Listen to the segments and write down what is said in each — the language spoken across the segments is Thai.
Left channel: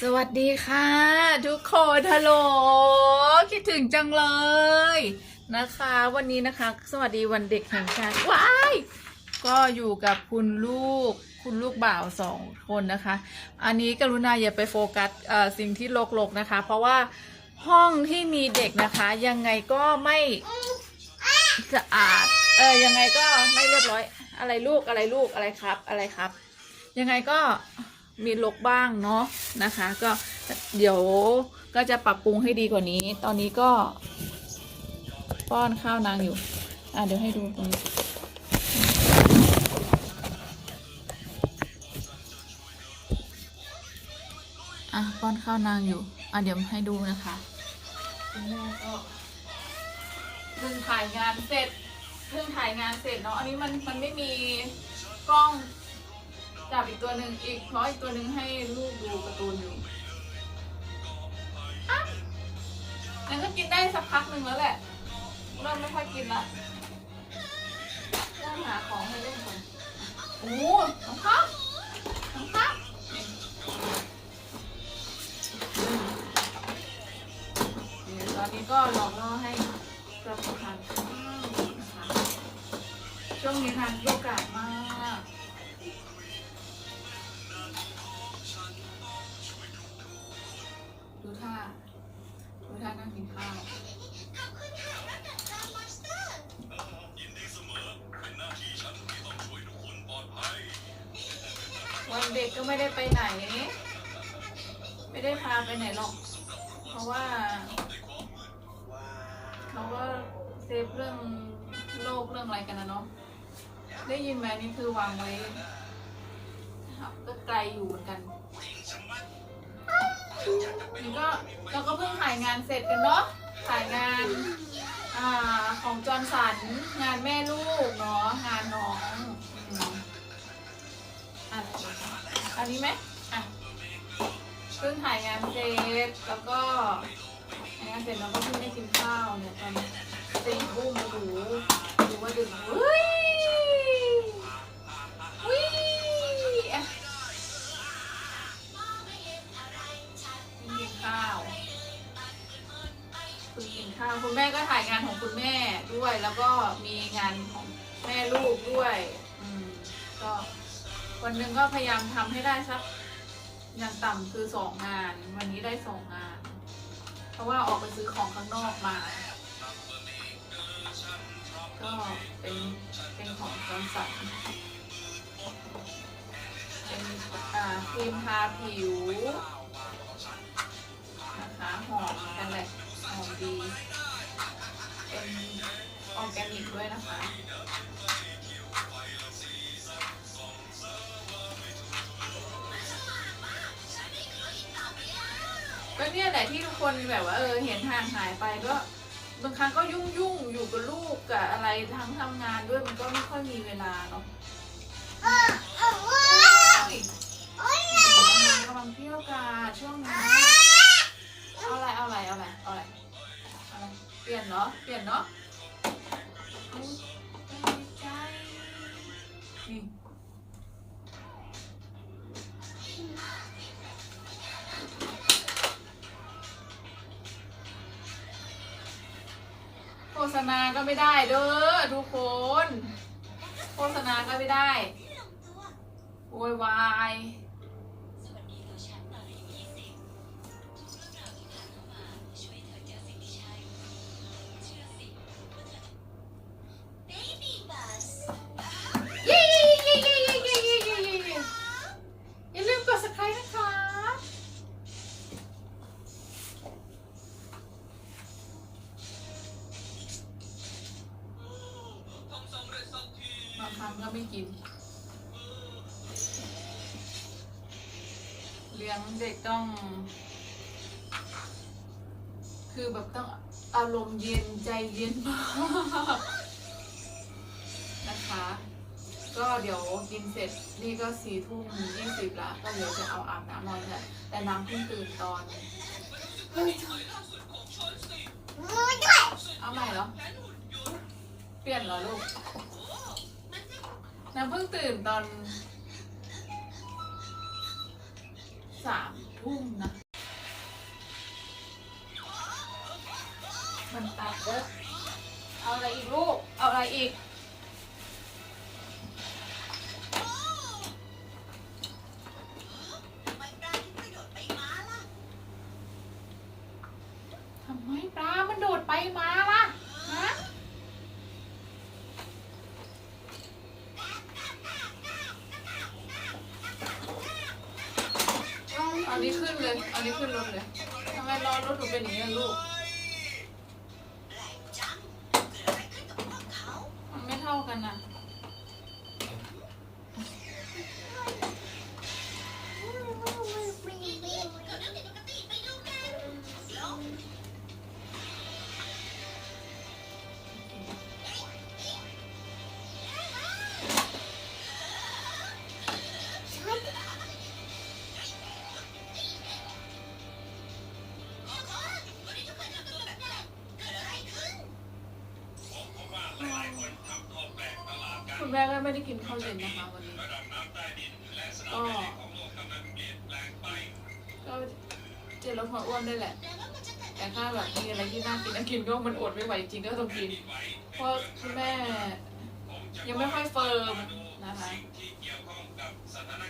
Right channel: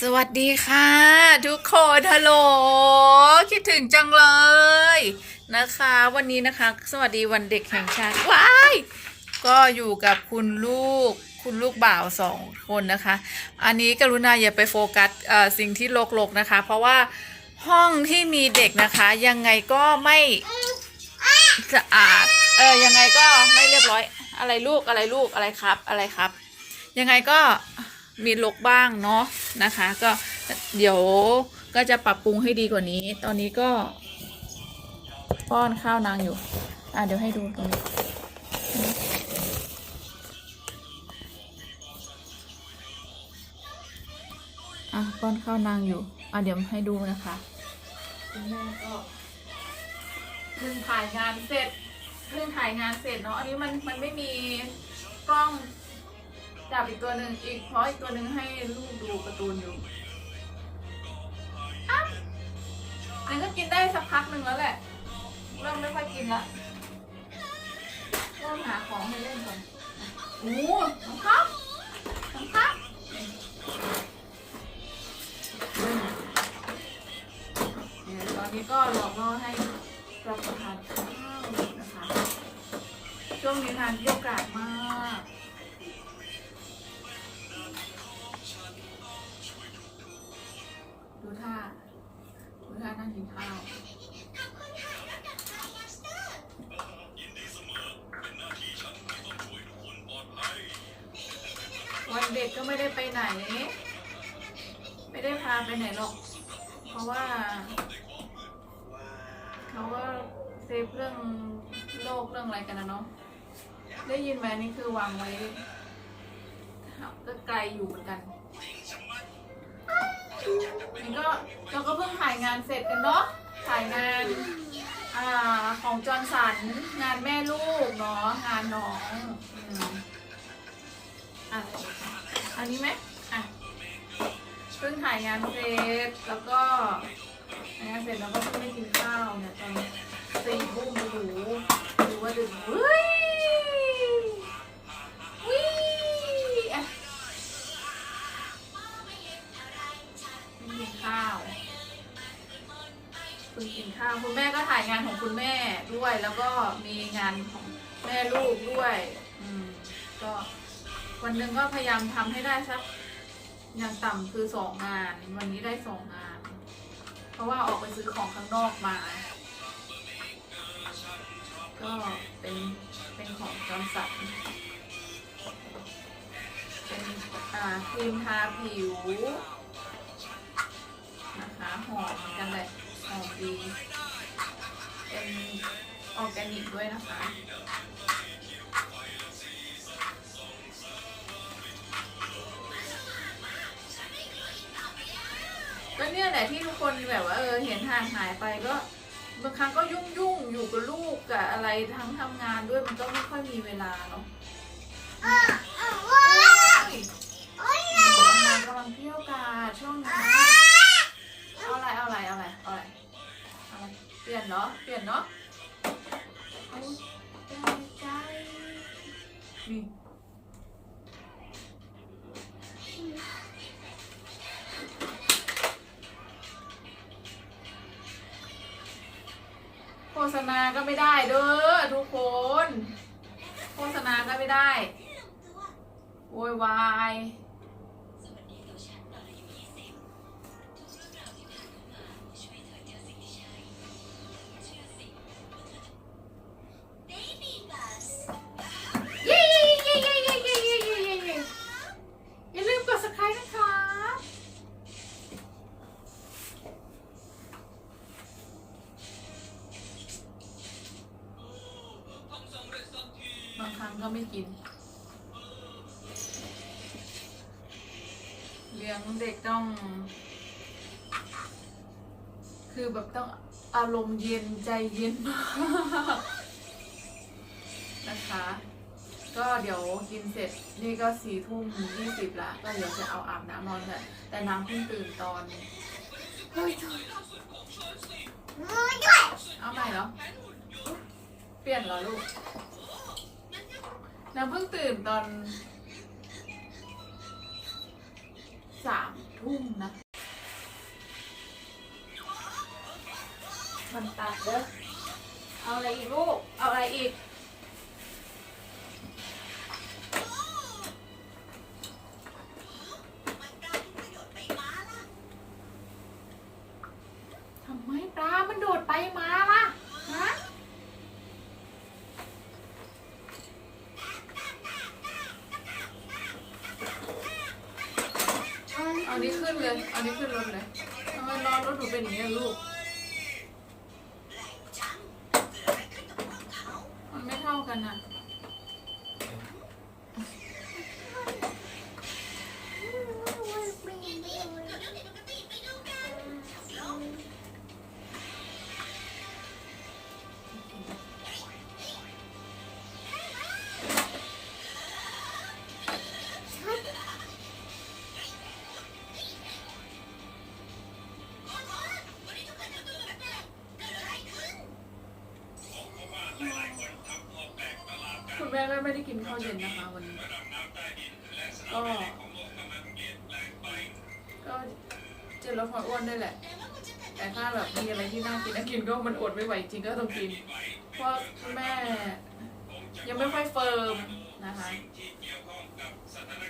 สวัสดีค่ะ ทุกคนฮัลโหลคิดถึงจังเลยนะคะ วันนี้นะคะ สวัสดีวันเด็กแห่งชาติว้ายก็อยู่กับคุณลูกคุณลูกบ่าวสองคนนะคะ อันนี้กรุณาอย่าไปโฟกัสสิ่งที่โลกๆนะคะ เพราะว่าห้องที่มีเด็กนะคะ ยังไงก็ไม่สะอาดเออยังไงก็ไม่เรียบร้อย อะไรลูกอะไรลูกอะไรครับอะไรครับ ยังไงก็ มีลกบ้างเนาะนะคะ ก็เดี๋ยวก็จะปรับปรุงให้ดีกว่านี้ ตอนนี้ก็ ป้อนข้าวนางอยู่ อะเดี๋ยวให้ดูตรงนี้อะป้อนข้าวนางอยู่ อะเดี๋ยวให้ดูนะคะคุณแม่ก็เพิ่งถ่ายงานเสร็จเพิ่งถ่ายงานเสร็จเนาะอันนี้มันมันไม่มีกล้อง จับอีกตัวหนึ่งอีกเพราะอีกตัวหนึ่งให้ลูกดูการ์ตูนอยู่อะงั้นก็กินได้สักพักหนึ่งแล้วแหละเริ่มไม่ค่อยกินละเริ่มหาของให้เล่นก่อนโอ้โหน้องครับน้องครับเดี๋ยวตอนนี้ก็รอรอให้รับประทานข้าวนะคะช่วงนี้ทานโยกาสมาก นั่งกินข้าววันเด็กก็ไม่ได้ไปไหน ไม่ได้พาไปไหนหรอก เพราะว่าเขาก็เซฟเรื่องโลกเรื่องอะไรกันนะเนาะได้ยินไหมนี่คือวางไว้ก็ไกลอยู่เหมือนกัน นี่ก็เราก็เพิ่งถ่ายงานเสร็จกันเนาะ ถ่ายงานอ่าของจอห์นสัน งานแม่ลูกเนาะ งานน้องอืมอะอันนี้ไหมอะ เพิ่งถ่ายงานเสร็จ แล้วก็ถ่ายงานเสร็จแล้วก็เพิ่งได้กินข้าวเนี่ยตอนสี่ทุ่มโอ้โหดูว่าดึกเฮ้ย คุณกินข้าวคุณแม่ก็ถ่ายงานของคุณแม่ด้วย แล้วก็มีงานของแม่ลูกด้วยอืมก็วันหนึ่งก็พยายามทำให้ได้สักอย่างต่ำคือสองงาน วันนี้ได้สองงาน เพราะว่าออกไปซื้อของข้างนอกมา ก็เป็นเป็นของจอนสันเป็นอ่าครีมทาผิว นะคะหอมกันแหละหอมดี เป็นออร์แกนิกด้วยนะคะก็เนี่ยแหละที่ทุกคนแบบว่าเออเห็นห่างหายไปก็บางครั้งก็ยุ่งยุ่งอยู่กับลูกกับอะไรทั้งทำงานด้วยมันก็ไม่ค่อยมีเวลาเนาะงานกำลังเที่ยวกาช่วงนี้ ลี่ยนเนาะเปลี่ยนเนาะเอาใจใจนี่โฆษณาก็ไม่ได้เด้อทุกคน โฆษณาก็ไม่ได้โวยวายเย้ ลี้ยงเด็กต้อง คือแบบต้องอารมณ์เย็นใจเย็นมากนะคะ ก็เดี๋ยวกินเสร็จนี่ก็สี่ทุ่มยี่สิบละก็เดี๋ยวจะเอาอาบน้ำนอนกันแต่น้ำเพิ่งตื่นตอนเฮ้ยเอาใหม่เหรอเปลี่ยนเหรอลูกน้ำเพิ่งตื่นตอน สามทุ่มนะ มันตัดเว้ยเอาอะไรอีกลูก เอาอะไรอีก ทำไมปลา มันโดดไปมาล่ะ ฮะ เอานี้ขึ้น เลย อันนี้ขึ้นรถเลยทำไมรอรถหนูเป็นอย่างนี้ลูก แม่ก็ไม่ได้กินข้าวเย็นนะคะวันนี้ ก็ก็จะลดความอ้วนได้แหละ แต่ถ้าแบบมีอะไรที่น่ากินน่ากินก็มันอดไม่ไหวจริงก็ต้องกิน เพราะคุณแม่ยังไม่ค่อยเฟิร์มนะคะ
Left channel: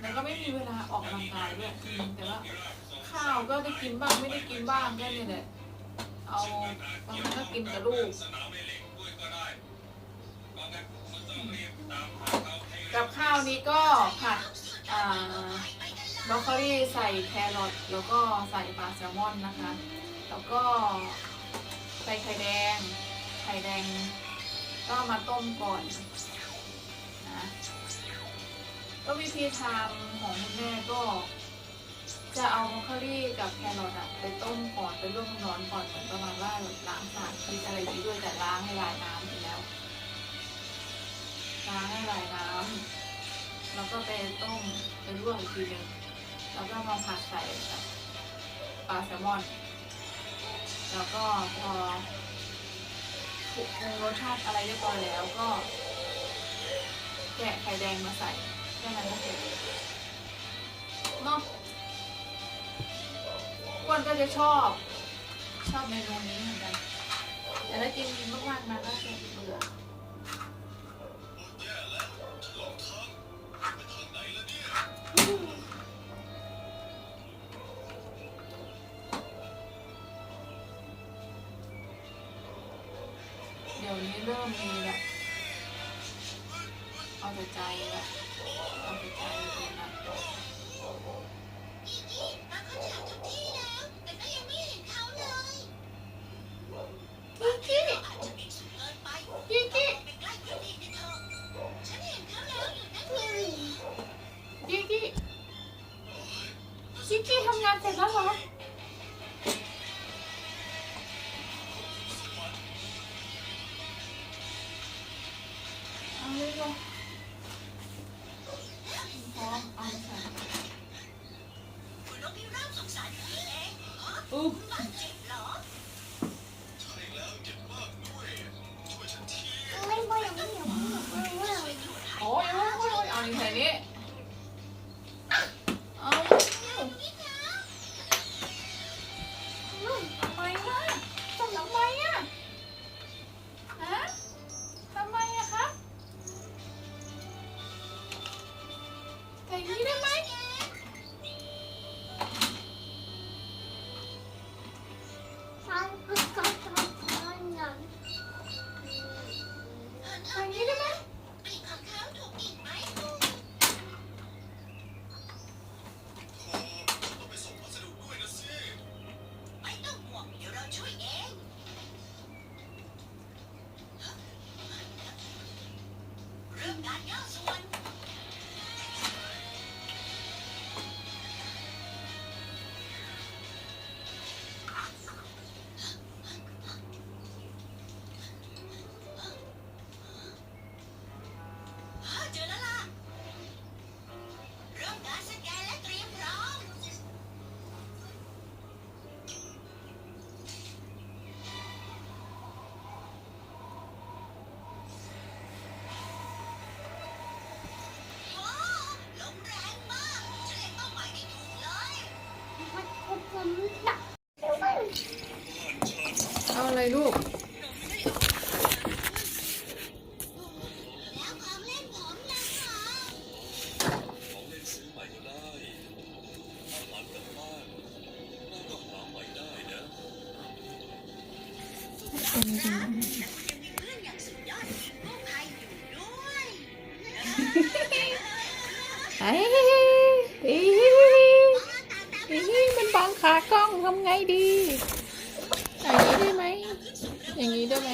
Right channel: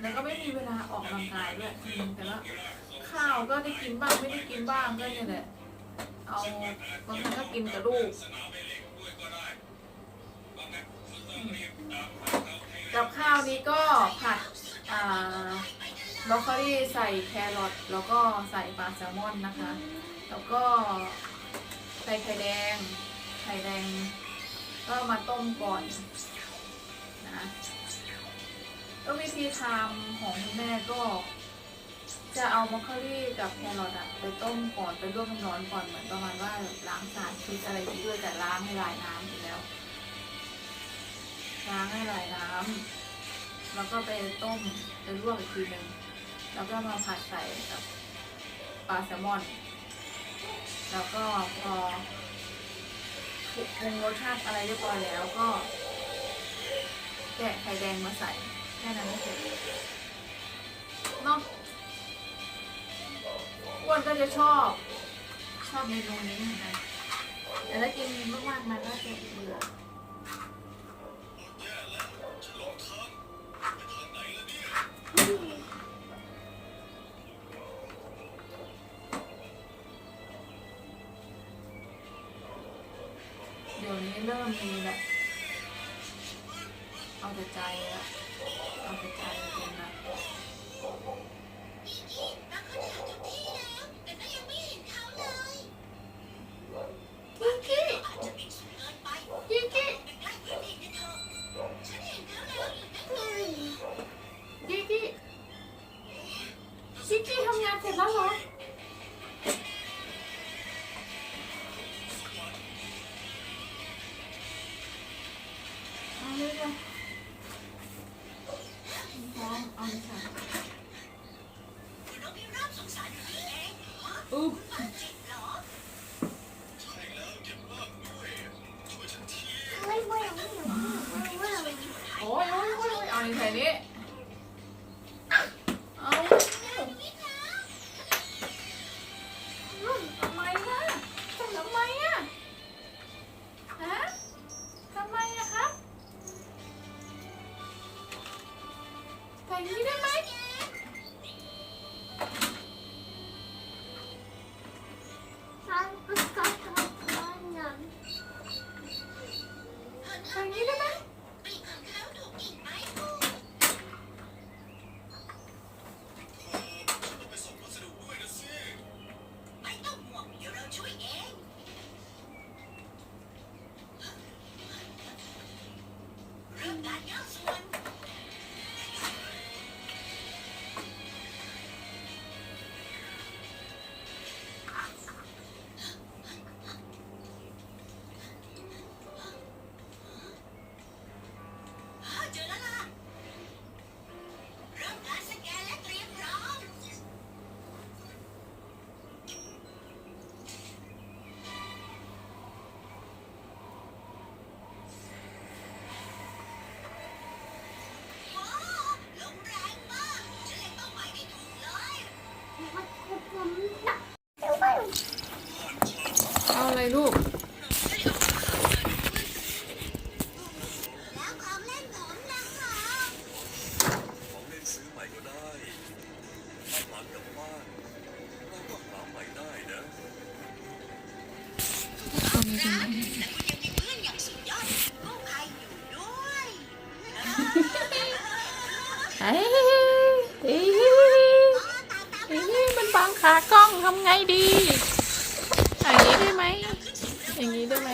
แล้วก็ไม่มีเวลาออกกำลังกายด้วยแต่ว่าข้าวก็ได้กินบ้างไม่ได้กินบ้างก็เนี่ยแหละ เอาบางครั้งก็กินกับลูก กับข้าวนี้ก็ผัดอบรอกโคลีใส่แครอทแล้วก็ใส่ปลาแซลมอนนะคะ แล้วก็ใส่ไข่แดง ไข่แดง ก็มาต้มก่อนนะก็วิธีทำของคุณแม่ก็ จะเอาบรอกโคลีกับแครอทอะไปต้มก่อนไปลวกน้ำร้อนก่อนเหมือนประมาณว่าล้างสารพิษอะไรอย่างนี้ด้วยแต่ล้างให้ลายน้ำอยู่แล้ว ล้างให้ลายน้ำแล้วก็ไปต้มไปลวกอีกทีหนึ่งแล้วก็มาผัดใส่กับปลาแซลมอน แล้วก็พอปรุงรสชาติอะไรเรียบร้อยแล้วก็แกะไข่แดงมาใส่แค่นั้นก็เสร็จเนาะอ้วนก็จะชอบ ชอบเมนูนี้เหมือนกันแต่ถ้ากินมากๆมันก็จะเบื่อ เดี๋ยวนี้เริ่มมีแบบ เอาแต่ใจและ อู้โอ้ยโอ้ยโอ้ยโอ้ยเอานี่ใส่นี่เอาทำไมล่ะทำทำไมอะฮะทำไมอะครับใส่นี้ได้ไหม I else one. และคุณยังมีเพื่อนอย่างสุดยอดกู้ภัยอยู่ด้วยเอ้ยเอ้ยเอ้ยมันบังขากล้องทำไงดี อย่างนี้ได้ไหมอย่างนี้ได้ไหม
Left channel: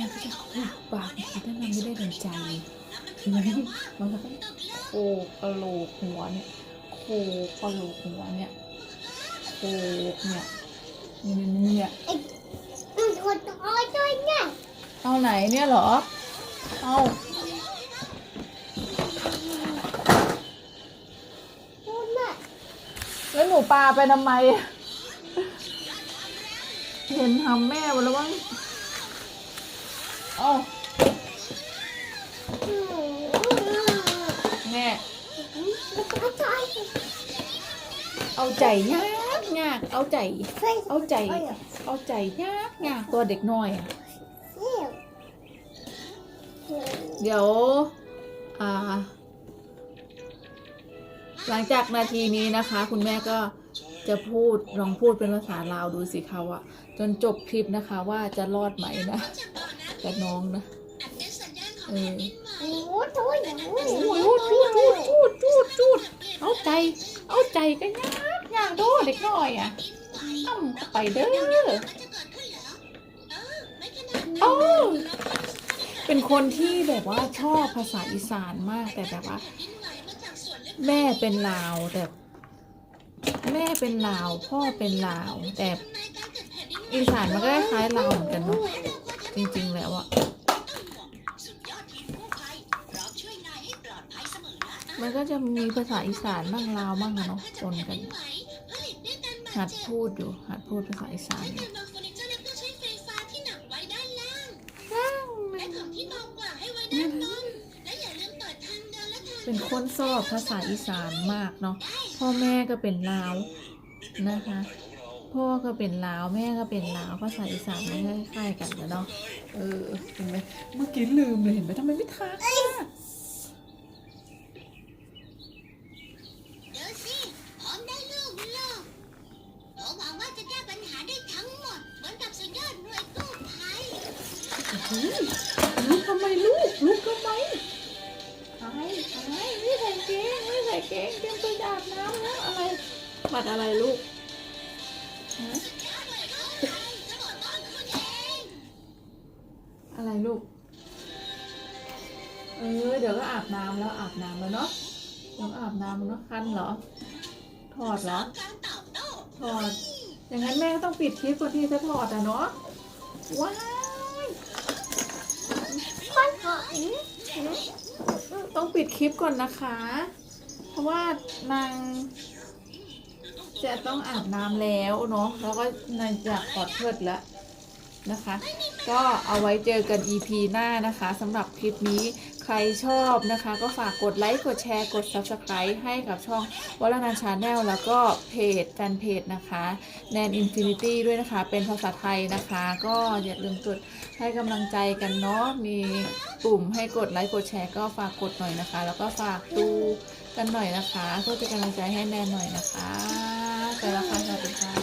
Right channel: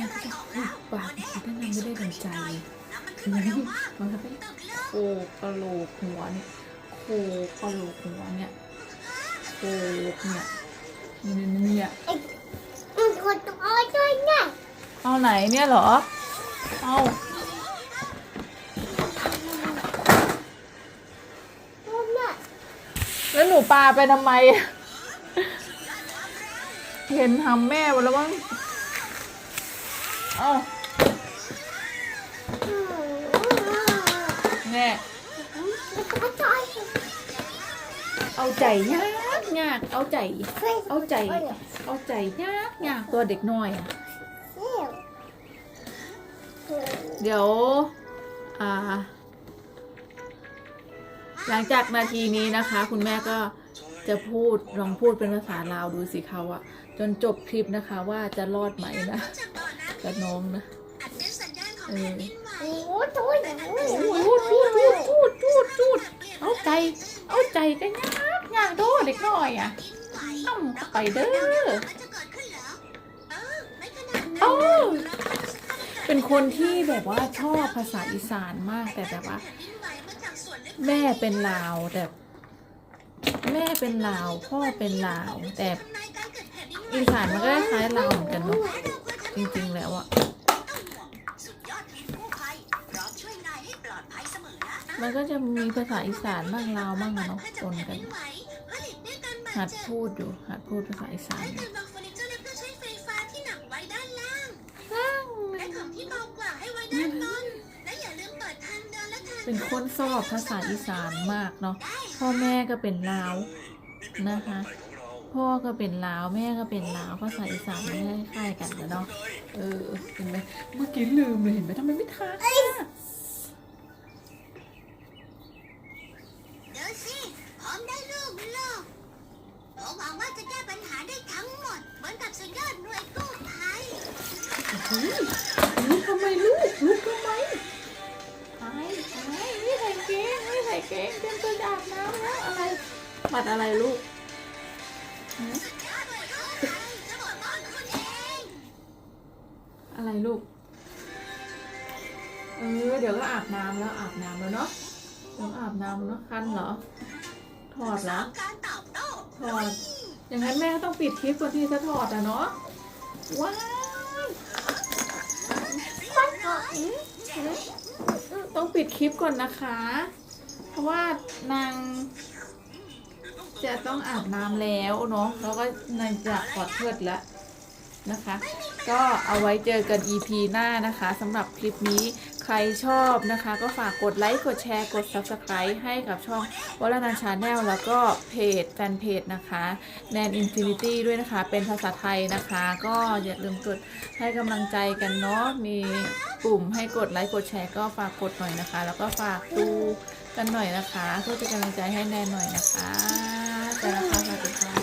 ปากถ้ามันไม่ได้ดังใจแล้วมันขึ้นมาเร็วมากมันก็เลิกโคกระโหลกหัวเนี่ยโคกระโหลกหัวเนี่ยโคกเนี่ยเนี่ยเนี่ยเอาไหนเนี่ยเหรอ เอาแล้วหนูปลาไปทำไม เห็นทำแม่ไปแล้วมั้ง เอาแม่เอาใจยากยากเอาใจ เอาใจ เอาใจยากยากตัวเด็กน้อยอะเดี๋ยว อ่า หลังจากนาทีนี้นะคะ คุณแม่ก็จะพูดลองพูดเป็นภาษาลาวดูสิเขาอะจนจบคลิปนะคะว่าจะรอดไหมนะ กบ่อน้ำกับน้องนะอัดเป็นสัญญาณของแผ่นดินไหวโอ้โหจูดจูดจูดจูดจูดเอาใจ เอาใจกันยากยากโดเด็กน้อยอะดินไหวอ้ำเข้าไปเด้อมันจะเกิดขึ้นเหรอเออไม่ขนาดนั้นเอ้าแล้วก็เป็นคนที่แบบว่าชอบภาษาอีสานมากแต่แบบว่าแผ่นดินไหวมาจากส่วนลึกแม่เป็นลาวแต่แม่เป็นลาว พ่อเป็นลาว แต่ทำนายการเกิดแผ่นดินไหวอีสานมันก็คล้ายๆลาวเหมือนกันเนาะ จริงๆแล้วอะต้องห่วงสุดยอดทีมกู้ภัยพร้อมช่วยนายให้ปลอดภัยเสมอนะมันก็จะมีภาษาอีสานบ้างลาวบ้างอะเนาะปนกันผลิตด้วยกันบาดหัดเจ็บพูดอยู่หัดพูดภาษาอีสานให้อยู่เดินบางเฟอร์นิเจอร์เล็กก็ใช้ไฟฟ้าที่หนักไว้ด้านล่างและของที่เบากว่าให้ไว้ด้านบนและอย่าลืมเปิดทางเดินและทางเป็นคนชอบภาษาอีสานมากเนาะพ่อแม่ก็เป็นลาวนะคะ พ่อก็เป็นลาวแม่ก็เป็นลาวภาษาอีสานไม่คล้ายๆกันเลยเนาะเออเห็นไหมเมื่อกี้ลืมเลยเห็นไหมทำไมไม่ทักอะเดินสิพร้อมได้ลูกโลกผมหวังว่าจะแก้ปัญหาได้ทั้งหมด เหมือนกับสุดยอดหน่วยกู้ภัยเฮ้ยลุกทำไมลูกลุกทำไมไอ้ไอ้ไม่ใส่เกงไม่ใส่เกงเตรียมตัวจะอาบน้ำแล้วอะไรปัดอะไรลูก อะบอะไรลูก เออ เดี๋ยวก็อาบน้ำแล้วอาบน้ำแล้วเนาะเดี๋ยวอาบน้ำเนาะคันเหรอ ถอดเหรอ ถอด อย่างนั้นแม่ก็ต้องปิดคลิปก่อนที่จะถอดอะเนาะ ว้าวต้องปิดคลิปก่อนนะคะ เพราะว่านาง จะต้องอาบน้ำแล้วเนาะแล้วก็นายจะขอเทิดแล้วนะคะ ก็เอาไว้เจอกัน EP หน้านะคะสำหรับคลิปนี้ใครชอบนะคะ ก็ฝากกดไลค์ กดแชร์ กด Subscribe ให้กับช่องวรนันชาแนลแล้วก็เพจแฟนเพจนะคะแนนอินฟินิตี้ด้วยนะคะ เป็นภาษาไทยนะคะ ก็อย่าลืมกดให้กำลังใจกันเนาะมีปุ่มให้กดไลค์ กดแชร์ ก็ฝากกดหน่อยนะคะ แล้วก็ฝากดู กันหน่อยนะคะ เพื่อจะกำลังใจให้แนนหน่อยนะคะไปแล้วค่ะสวัสดีค่ะ